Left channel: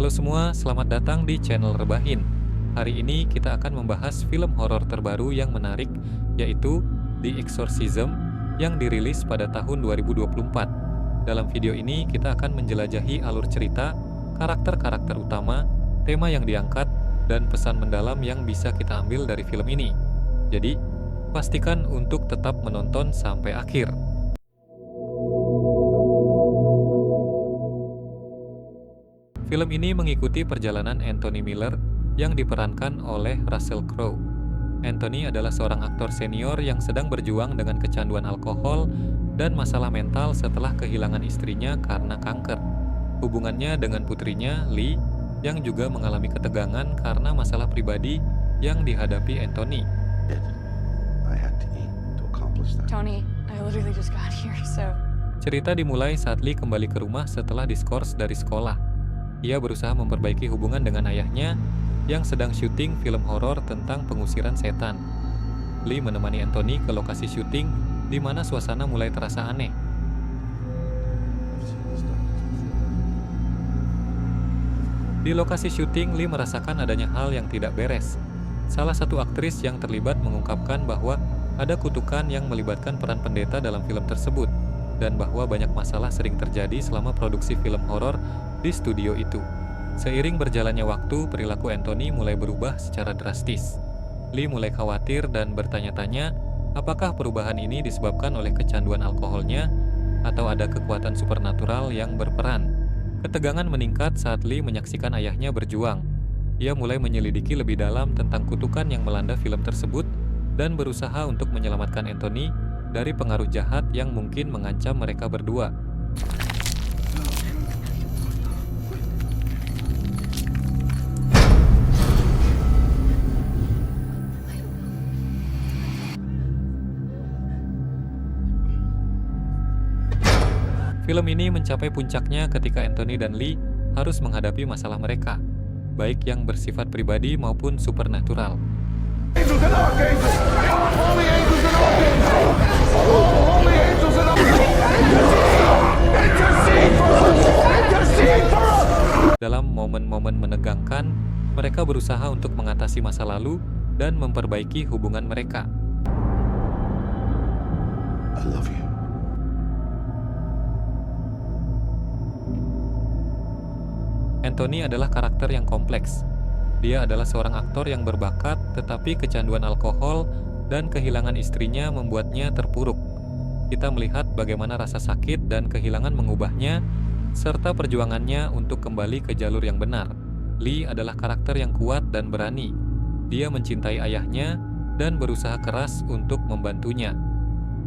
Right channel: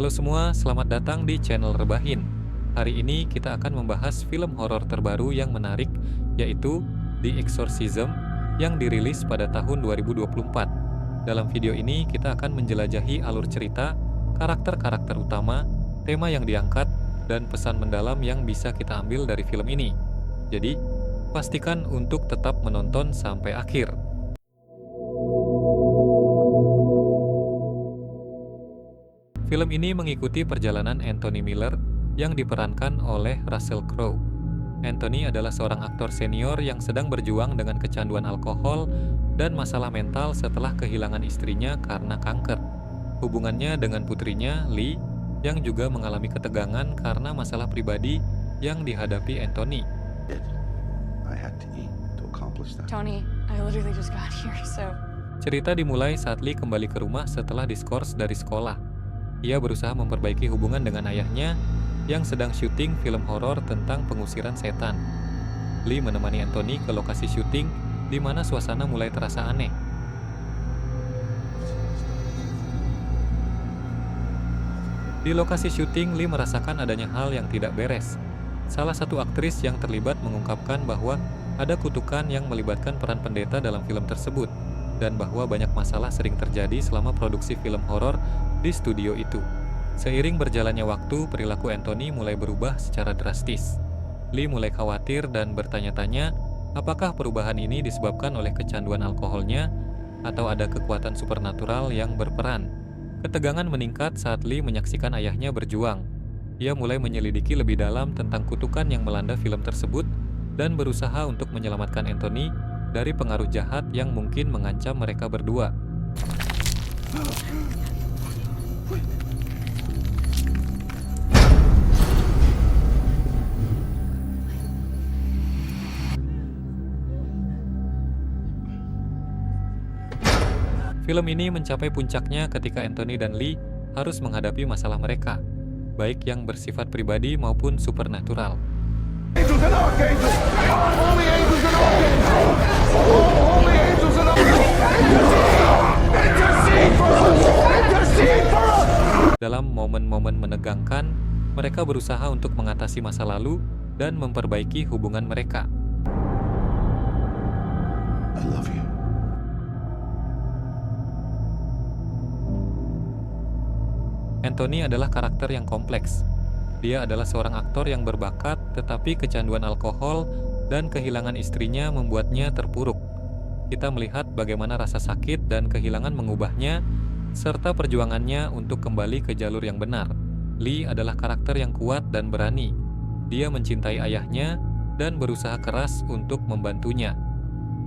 Halo semua, selamat datang di channel Rebahin. Hari ini kita akan membahas film horor terbaru yang menarik, yaitu The Exorcism yang dirilis pada tahun 2024. Dalam video ini kita akan menjelajahi alur cerita, karakter-karakter utama, tema yang diangkat, dan pesan mendalam yang bisa kita ambil dari film ini. Jadi, pastikan untuk tetap menonton sampai akhir. Film ini mengikuti perjalanan Anthony Miller yang diperankan oleh Russell Crowe. Anthony adalah seorang aktor senior yang sedang berjuang dengan kecanduan alkohol dan masalah mental setelah kehilangan istrinya karena kanker. Hubungannya dengan putrinya, Lee, yang juga mengalami ketegangan karena masalah pribadi yang dihadapi Anthony. I had to eat to accomplish that. Tony, I literally just got here, so... Cerita dimulai saat Lee kembali ke rumah setelah diskors dari sekolah. Ia berusaha memperbaiki hubungan dengan ayahnya yang sedang syuting film horor tentang pengusiran setan. Lee menemani Anthony ke lokasi syuting di mana suasana mulai terasa aneh. Di lokasi syuting, Lee merasakan adanya hal yang tidak beres. Salah satu aktris yang terlibat mengungkapkan bahwa ada kutukan yang melibatkan peran pendeta dalam film tersebut, dan bahwa banyak masalah sering terjadi selama produksi film horor di studio itu. Seiring berjalannya waktu, perilaku Anthony mulai berubah secara drastis. Lee mulai khawatir dan bertanya-tanya apakah perubahan ini disebabkan oleh kecanduan alkoholnya atau ada kekuatan supernatural yang berperan. Ketegangan meningkat saat Lee menyaksikan ayahnya berjuang. Ia mulai menyelidiki lebih dalam tentang kutukan yang melanda film tersebut dan berusaha untuk menyelamatkan Anthony dari pengaruh jahat yang mungkin mengancam mereka berdua. Film ini mencapai puncaknya ketika Anthony dan Lee harus menghadapi masalah mereka, baik yang bersifat pribadi maupun supernatural. Angels and archangels! Holy angels and archangels! Holy angels and archangels! Intercede for us! Intercede for us! Dalam momen-momen menegangkan, mereka berusaha untuk mengatasi masa lalu dan memperbaiki hubungan mereka. I love you. Anthony adalah karakter yang kompleks. Dia adalah seorang aktor yang berbakat, tetapi kecanduan alkohol dan kehilangan istrinya membuatnya terpuruk. Kita melihat bagaimana rasa sakit dan kehilangan mengubahnya, serta perjuangannya untuk kembali ke jalur yang benar. Lee adalah karakter yang kuat dan berani. Dia mencintai ayahnya dan berusaha keras untuk membantunya.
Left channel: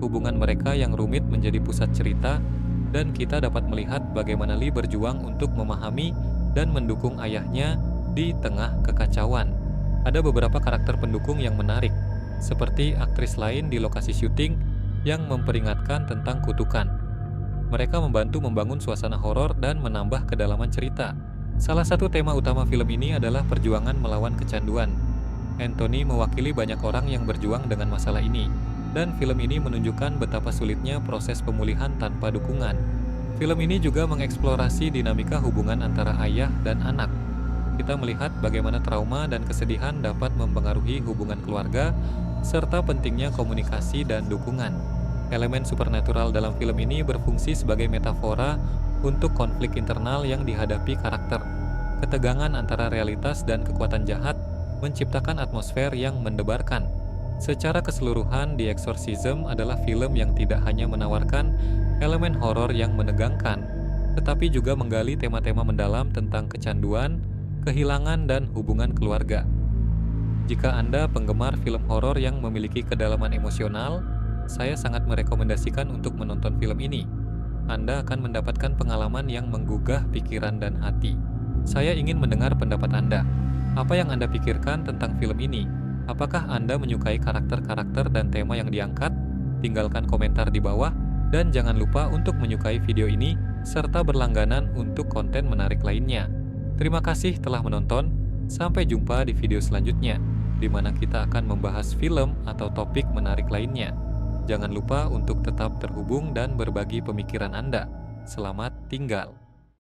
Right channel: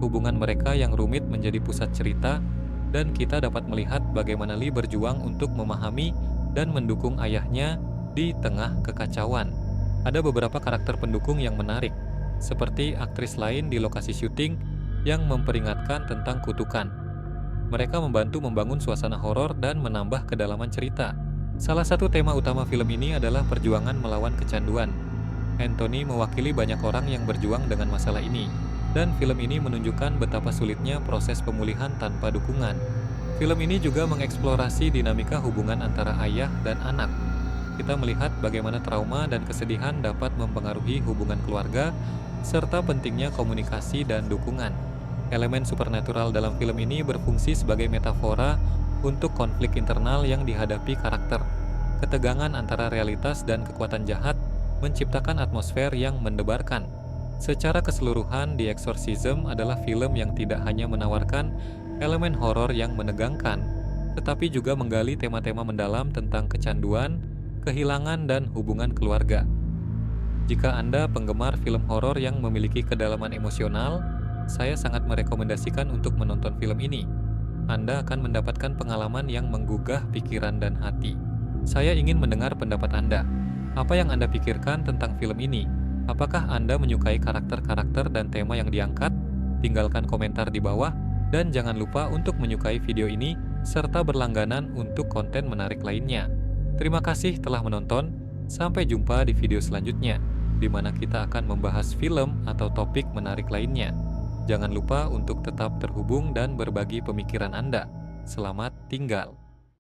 Hubungan mereka yang rumit menjadi pusat cerita, dan kita dapat melihat bagaimana Lee berjuang untuk memahami dan mendukung ayahnya di tengah kekacauan. Ada beberapa karakter pendukung yang menarik, seperti aktris lain di lokasi syuting yang memperingatkan tentang kutukan. Mereka membantu membangun suasana horor dan menambah kedalaman cerita. Salah satu tema utama film ini adalah perjuangan melawan kecanduan. Anthony mewakili banyak orang yang berjuang dengan masalah ini, dan film ini menunjukkan betapa sulitnya proses pemulihan tanpa dukungan. Film ini juga mengeksplorasi dinamika hubungan antara ayah dan anak. Kita melihat bagaimana trauma dan kesedihan dapat mempengaruhi hubungan keluarga, serta pentingnya komunikasi dan dukungan. Elemen supernatural dalam film ini berfungsi sebagai metafora untuk konflik internal yang dihadapi karakter. Ketegangan antara realitas dan kekuatan jahat menciptakan atmosfer yang mendebarkan. Secara keseluruhan, The Exorcism adalah film yang tidak hanya menawarkan elemen horor yang menegangkan, tetapi juga menggali tema-tema mendalam tentang kecanduan, kehilangan, dan hubungan keluarga. Jika Anda penggemar film horor yang memiliki kedalaman emosional, saya sangat merekomendasikan untuk menonton film ini. Anda akan mendapatkan pengalaman yang menggugah pikiran dan hati. Saya ingin mendengar pendapat Anda. Apa yang Anda pikirkan tentang film ini? Apakah Anda menyukai karakter-karakter dan tema yang diangkat? Tinggalkan komentar di bawah, dan jangan lupa untuk menyukai video ini serta berlangganan untuk konten menarik lainnya. Terima kasih telah menonton. Sampai jumpa di video selanjutnya, di mana kita akan membahas film atau topik menarik lainnya. Jangan lupa untuk tetap terhubung dan berbagi pemikiran Anda. Selamat tinggal.